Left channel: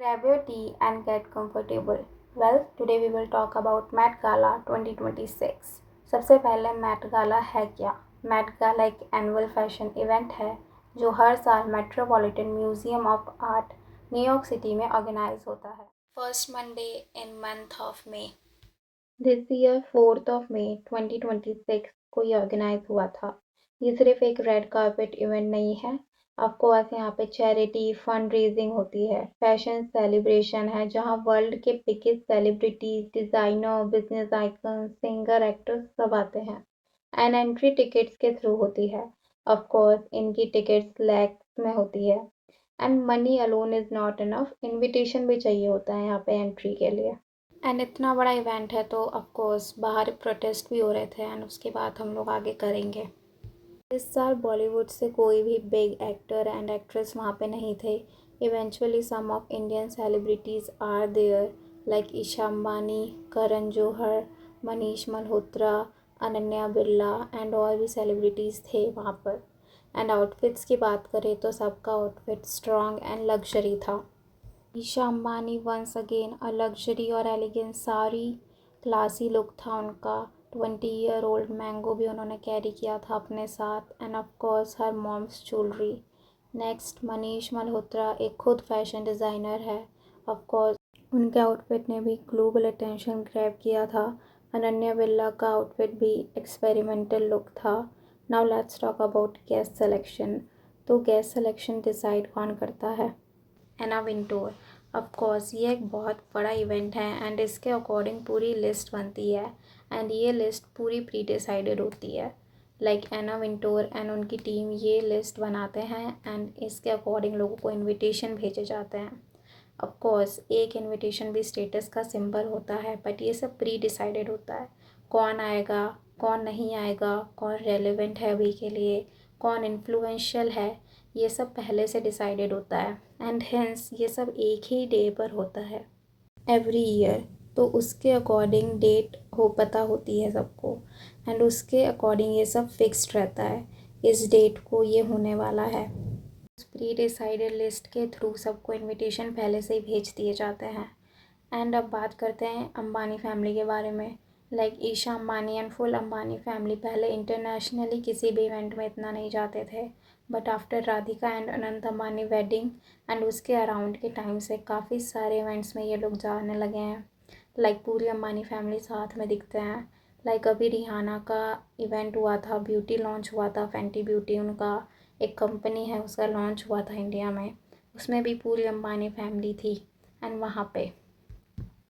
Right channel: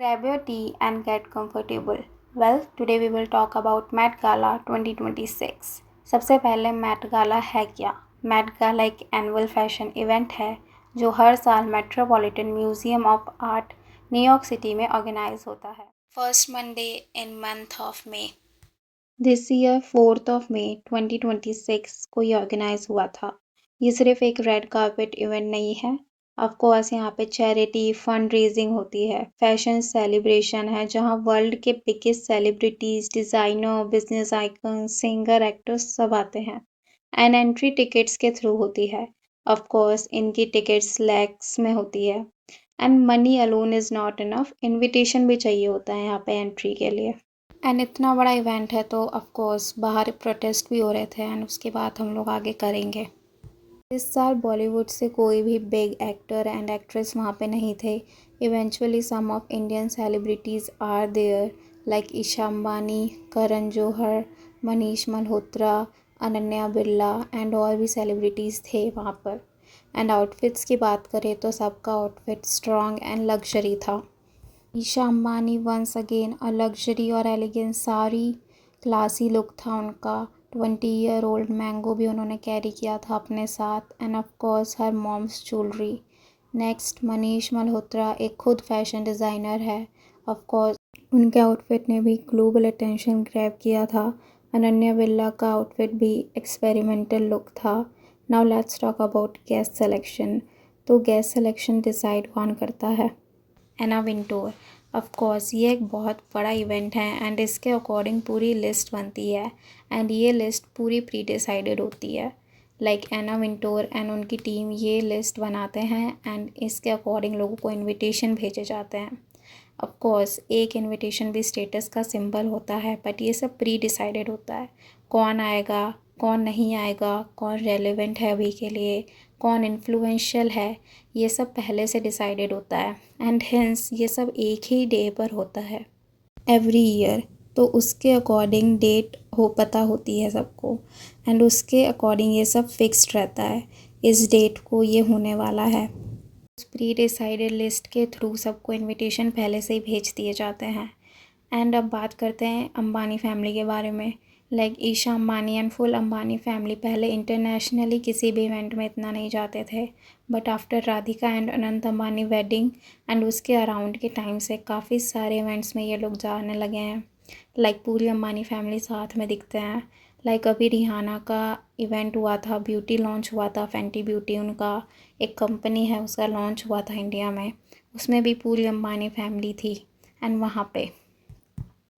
Grab your tea and get comfortable. Well, today we will talk about Met Gala 2026. सबसे पहले Met Gala है क्या? Met Gala एक annual fashion event है जो हर साल metropolitan museum of art New York city में ऑर्गेनाइज होता है first Monday in month of May. This year 4 मई 2026 को ये ऑर्गेनाइज हुआ था। ये सिर्फ एक रेड कार्पेट इवेंट नहीं है। ऑफ कोर्स यहाँ पे चैरिटी फंड रेजिंग होती है, फैशन सेलिब्रेशन है जहाँ वर्ल्ड के biggest celebrities, designer, business icon, singer, actors सब आते हैं एंड एंट्री टिकट्स के थ्रू होती है। ऑफ कोर्स इनकी टिकट्स लैक्स में होती है and money alone is not enough, invitation भी चाहिए होता है यहाँ पे एंट्री के लिए। एंड इतना बड़ा इवेंट है तो ऑफ कोर्स बाहर प्रोटेस्ट भी हो रहे थे एंड उसके बाद हम लोग आगे करेंगे। इस साल बॉलीवुड से कोई भी बिग एक्टर एंड एक्ट्रेस वहाँ पे नहीं थे। Eventually some of Indian celebrities are there like Isha Ambani, Karan Johar, Manish Malhotra, Ananya Birla and और भी सेलिब्रिटीज़ थे वहाँ पर। एंड आउटफिट्स की बात करें तो सबका आउटफिट स्ट्रॉन्ग एंड लग्जरी था। Isha Ambani once again a luxury और एलिगेंट साड़ी, क्लासी लुक था उनका। 20-year-old मैंगो भी उन्होंने कैरी किया था अपने साथ and of course her mom's jewellery. Next Manish Malhotra एक खुद फैशन डिज़ाइनर है। ऑफ कोर्स उनके आउटफिट ने भी ग्लोबल अटेंशन ग्रैब किया था। अनन्या बिरला का आउटफिट भी एक्सपेरिमेंटल लुक था। Now let's talk about guest selection. तो गेस्ट सिलेक्शन डिसाइड कौन करता है? एना विंटोर। ऑफ कोर्स ये एक बहुत बड़ा इवेंट है एंड इसके अकॉर्डिंग पूरी लिस्ट बनती है एंड ये लिस्ट पूरी प्री डिसाइडेड होती है। लाइक एना विंटोर एंड उनकी टीम ये लिस्ट बनाते हैं एंड इसके अकॉर्डिंग लोगों को इनविटेशन भेजे जाते हैं। ऑफ कोर्स एक इनविटेशन भी स्टेटस का सिंबल होता है बट ये सब प्री डिसाइडेड होता है। कौन आएगा, कौन नहीं आएगा, कौन रेलेवेंट है अभी के लिए, कौन इन्फ्लुएंशियल है, ये सब पहले से डिसाइडेड होता है एंड हेंस ये सब एक ही डे पर होता है एवरी ईयर। तो उसके अकॉर्डिंग डेट हो पता होती है सबको एंड उसके अकॉर्डिंग ये सब फिक्स्ड रहता है, इस डेट को ये होने वाला है। उस प्री डिसाइडेड लिस्ट के थ्रू सबको इनविटेशन पहले से ही भेज दिए जाते हैं। एंड अब बात करते हैं अंबानी फैमिली के बारे में। Like Isha Ambani and full Ambani family पहले इंटरनेशनली किसी भी इवेंट में इतना नहीं जाते थे but after Radhika and Anant Ambani wedding and उसके अराउंड के टाइम से काफ़ी सारे इवेंट्स में ये लोग जाने लगे हैं। लाइक पूरी अंबानी फैमिली साथ में दिखते हैं। लाइक अभी रिहाना का इवेंट हुआ था, ब्यूटी लॉन्च हुआ था, फैंटी ब्यूटी उनका एक कंपनी है उसका लॉन्च हुआ था इंडिया में, उसमें भी पूरी अंबानी फैमिली थी एंड वहाँ पे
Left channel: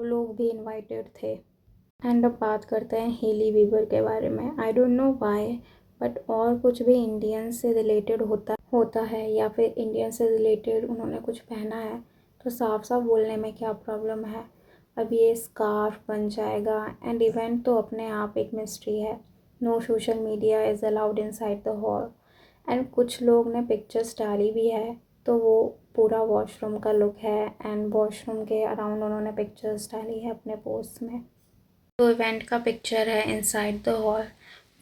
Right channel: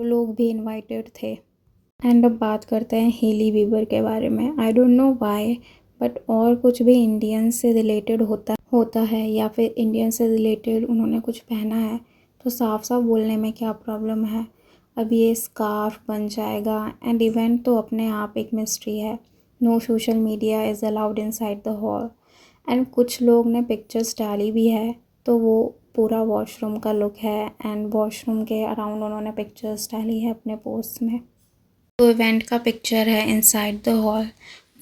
वो लोग भी इनवाइटेड थे। एंड अब बात करते हैं हेली बीबर के बारे में। I don't know why but और कुछ भी इंडियन से रिलेटेड होता है या फिर इंडियन से रिलेटेड उन्होंने कुछ पहना है तो साफ साफ बोलने में क्या प्रॉब्लम है। अब ये स्कार्फ बन जाएगा एंड इवेंट तो अपने आप एक मिस्ट्री है। No social media is allowed inside the hall and कुछ लोग ने पिक्चर्स डाली भी है तो वो पूरा वॉशरूम का लुक है एंड वॉशरूम के अराउंड उन्होंने पिक्चर्स डाली है अपने पोस्ट में। जो इवेंट का पिक्चर है इनसाइड द हॉल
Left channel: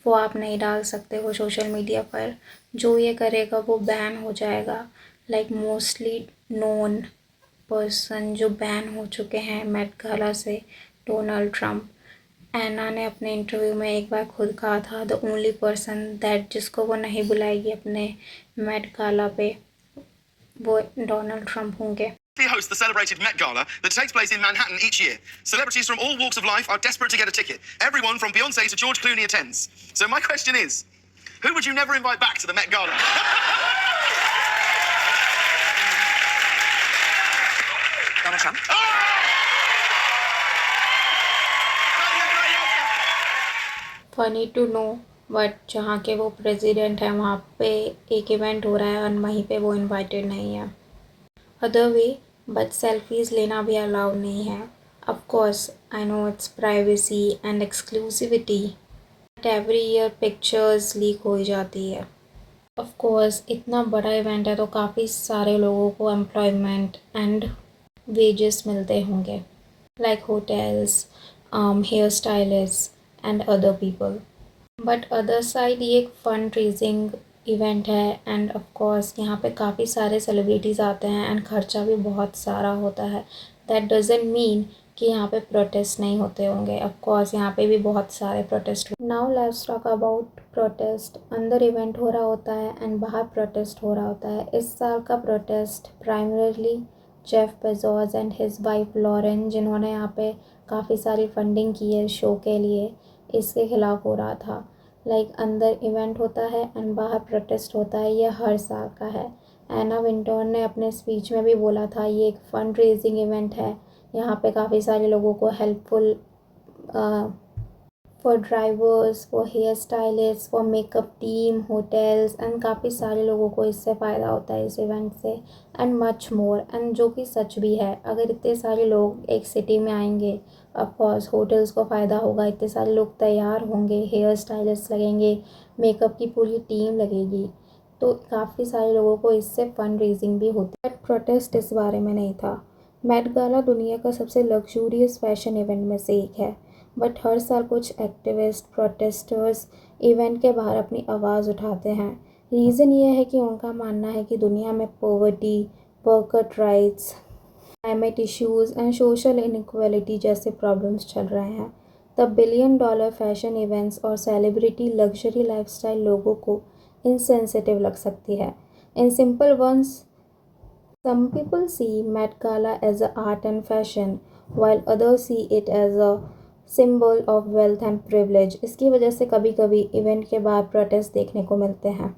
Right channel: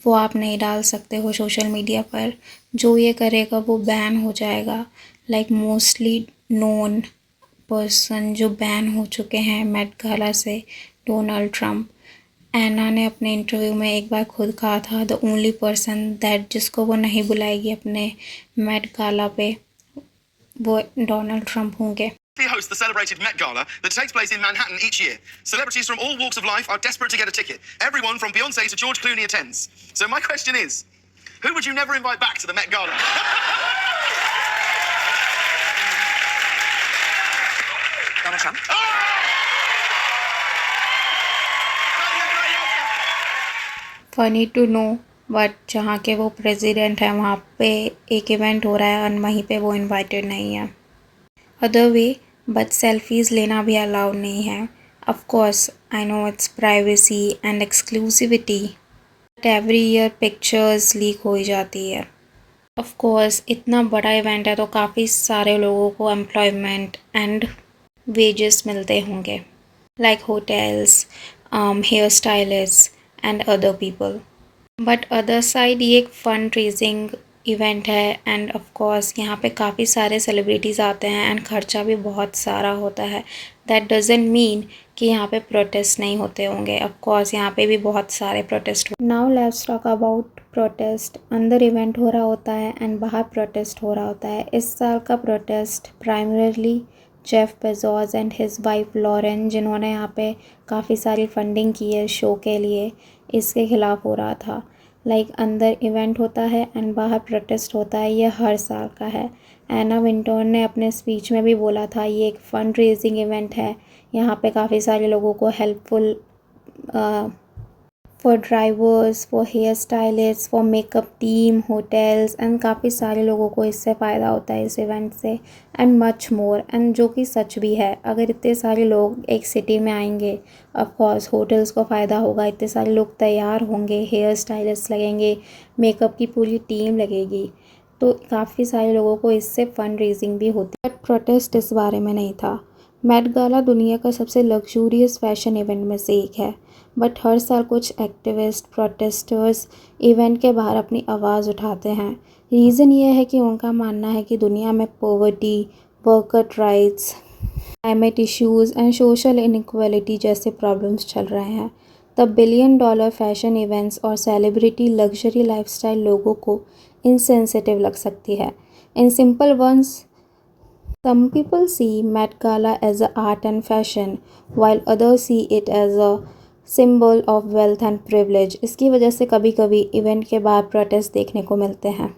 वो आप नहीं डाल सकते हो सोशल मीडिया पर। जो ये करेगा वो बैन हो जाएगा। लाइक मोस्टली नोन पर्सन जो बैन हो चुके हैं मेट गाला से, डोनाल्ड ट्रम्प। एना ने अपने इंटरव्यू में एक बार खुद कहा था द ओनली पर्सन दैट जिसको वो नहीं बुलाएगी अपने मेट गाला पे वो डोनाल्ड ट्रम्प होंगे। hosts the celebrated Met Gala that takes place in Manhattan each year. Celebrities from all walks of life are desperate to get a ticket. Everyone from Beyonce to George Clooney attends. So my question is, who would you never invite back to the Met Gala? Donald Trump. Funny to know but जहाँ के वो president हैं वहाँ पे एक event हो रहा है और वहीं पे वो इनवाइटेड नहीं है। अदर वे बट सेल्फीज़ लेना भी अलाउड नहीं है। Of course I know it's privacy and exclusivity but every year pictures leak हो ही जाती है। ऑफ कोर्स इतना बड़ा इवेंट है तो काफ़ी सारे लोगों को एम्प्लॉयमेंट एंड वेजेस मिलते होंगे like hotels, hair stylist and other people. But other side ये एक फंड रेजिंग इवेंट है एंड ऑफ कोर्स यहाँ पे काफ़ी सारे सेलिब्रिटीज़ आते हैं एंड खर्चा भी बहुत सारा होता है। दैट डजंट मीन कि यहाँ पे प्रोटेस्ट नहीं होते होंगे। ऑफ कोर्स यहाँ पे भी बहुत सारे protest. Now let's talk about protest. अंदर इवेंट हो रहा होता है एंड बाहर प्रोटेस्ट हो रहा होता है। इस साल का protest primarily Jeff Bezos and his wife Lauren, जिन्होंने यहाँ पे काफ़ी सारी फंडिंग की है शो के लिए, इसके खिलाफ हो रहा था। अंदर इवेंट होता है एंड बाहर प्रोटेस्ट होता है, ये हर साल का है। एना विंटोर ने अपने स्पीच में भी बोला था ये एक फंड रेजिंग इवेंट है, यहाँ पे काफ़ी सारे लोगों को helpful for drivers, for hair stylist, for makeup team, hotels and काफ़ी सारे लोगों को इससे फ़ायदा होता है इस इवेंट से एंड मच मोर। एंड जो कि सच भी है, अगर इतने सारे लोग एक सिटी में आएंगे ऑफ कोर्स होटल्स को फ़ायदा होगा, इतने सारे लोग तैयार होंगे, हेयर स्टाइलिस्ट लगेंगे, मेकअप की पूरी टीम लगेगी, तो काफ़ी सारे लोगों को इससे फंड रेजिंग भी होती है। बट प्रोटेस्ट इस बारे में नहीं था। मेट गाला दुनिया का सबसे लग्जूरियस फैशन इवेंट में से एक है, बट हर साल कुछ एक्टिविस्ट प्रोटेस्टर्स इवेंट के बाहर अपनी आवाज़ उठाते हैं। रीज़न ये है कि उनका मानना है कि दुनिया में poverty, worker rights, climate issues and social inequality जैसे प्रॉब्लम्स चल रहे हैं। The billion dollar fashion events और सेलिब्रिटी लग्जरी लाइफस्टाइल लोगों को इनसेंसिटिव लग सकती है। In simple words, some people see Met Gala as a art and fashion, while others see it as a symbol of wealth and privilege. इसकी वजह से कभी कभी इवेंट के बाद प्रोटेस्ट देखने को मिलते हैं।